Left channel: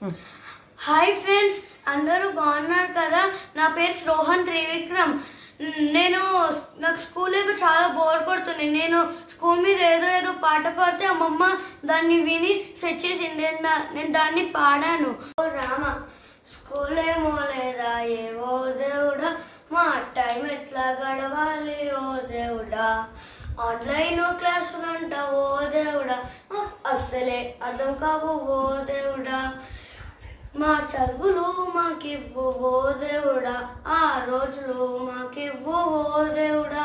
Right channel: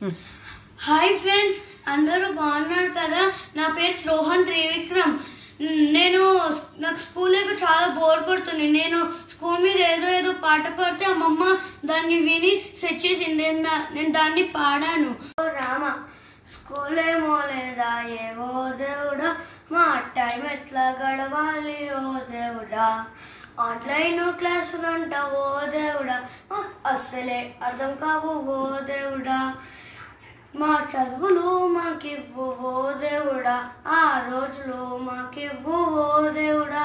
Hi friends, అందరూ బాగున్నారు కదా? నా పేరు రోహన్ త్రివిక్రమ్. నాకు స్కూల్కి చాలా బోర్ కొడుతుంది. నేను స్కూల్ మీద ఏదో పాట పాడితే అమ్మమ్మ దాన్ని విని సెట్ చేసింది. నేను దాన్ని పాడాను. ఓ రామ, స్కూల్ ఏమో లేదా ఏవో దేవుడా, మా టైం ఎట్లా గడవాలి ఓ దేవుడా, ఆన్లైన్ క్లాసులంట ఓ దేవుడా, అస్సలే అర్థం కావు ఓ దేవుడా, మా చదువులు మాకివ్వు ఓ దేవుడా, ఆ రోజులు మాకివ్వు ఓ దేవుడా,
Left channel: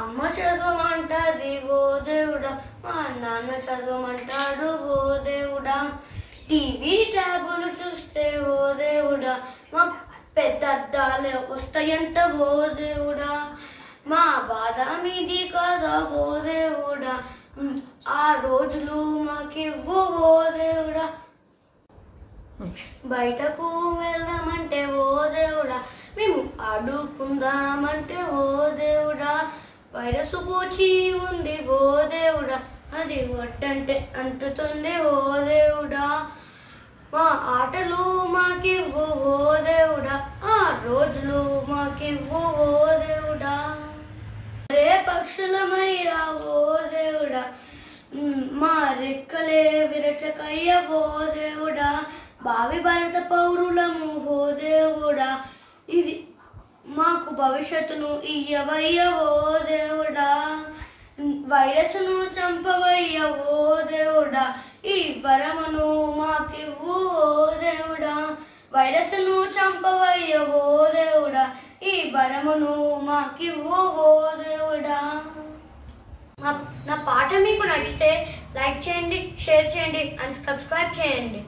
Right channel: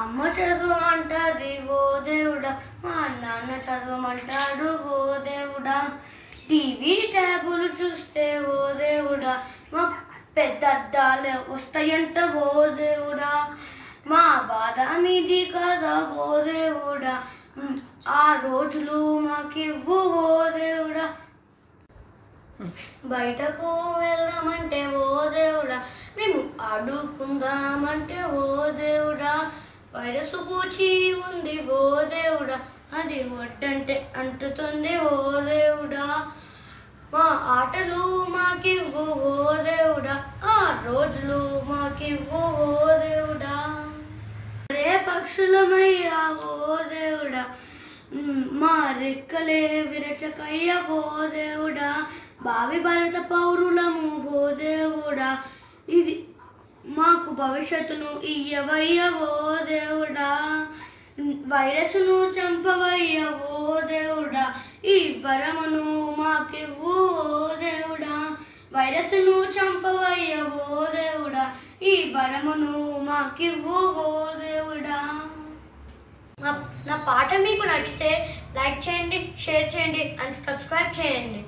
అమ్మ చదవమంటది ఓ దేవుడా, మా నాన్న చదవమంటాడు ఓ దేవుడా, టీవీ ట్యాబులు చూస్తే ఓ దేవుడా, మా పెద్ద అద్దాలే వస్తాయంట ఓ దేవుడా, మా బాధ మీది కదా ఓ దేవుడా, ఆ రోజులు మాకివ్వు ఓ దేవుడా, బయటకు వెళ్దామంటే ఓ దేవుడా, మేము ఆడుకుందామంటే ఓ దేవుడా, వైరస్ పూచి ఉంది ఓ దేవుడా, అది వడ్డంటే అంటుతుంది ఓ దేవుడా, మా ఆటలు మాకివ్వు ఓ దేవుడా, ఆ రోజులు మాకివ్వు ఓ దేవుడా, రే పక్షులమయ్యా ఓ దేవుడా, మా రెక్కలే విరచకయ్య ఓ దేవుడా, భావి భారత పౌరులము ఓ దేవుడా, ఇది మాకు భవిష్యత్తును ఇయ్యవయ్య ఓ దేవుడా, వైరస్ను చంపవయ్య ఓ దేవుడా, ఈ వరమును మాకివ్వు ఓ దేవుడా, వైరస్ను చంపవయ్య ఓ దేవుడా, ఈ వరమును మాకివ్వు ఓ దేవుడా. నా పాట మీకు నచ్చితే లైక్ చేయండి, షేర్ చేయండి అండ్ సబ్స్క్రైబ్ చేయండి.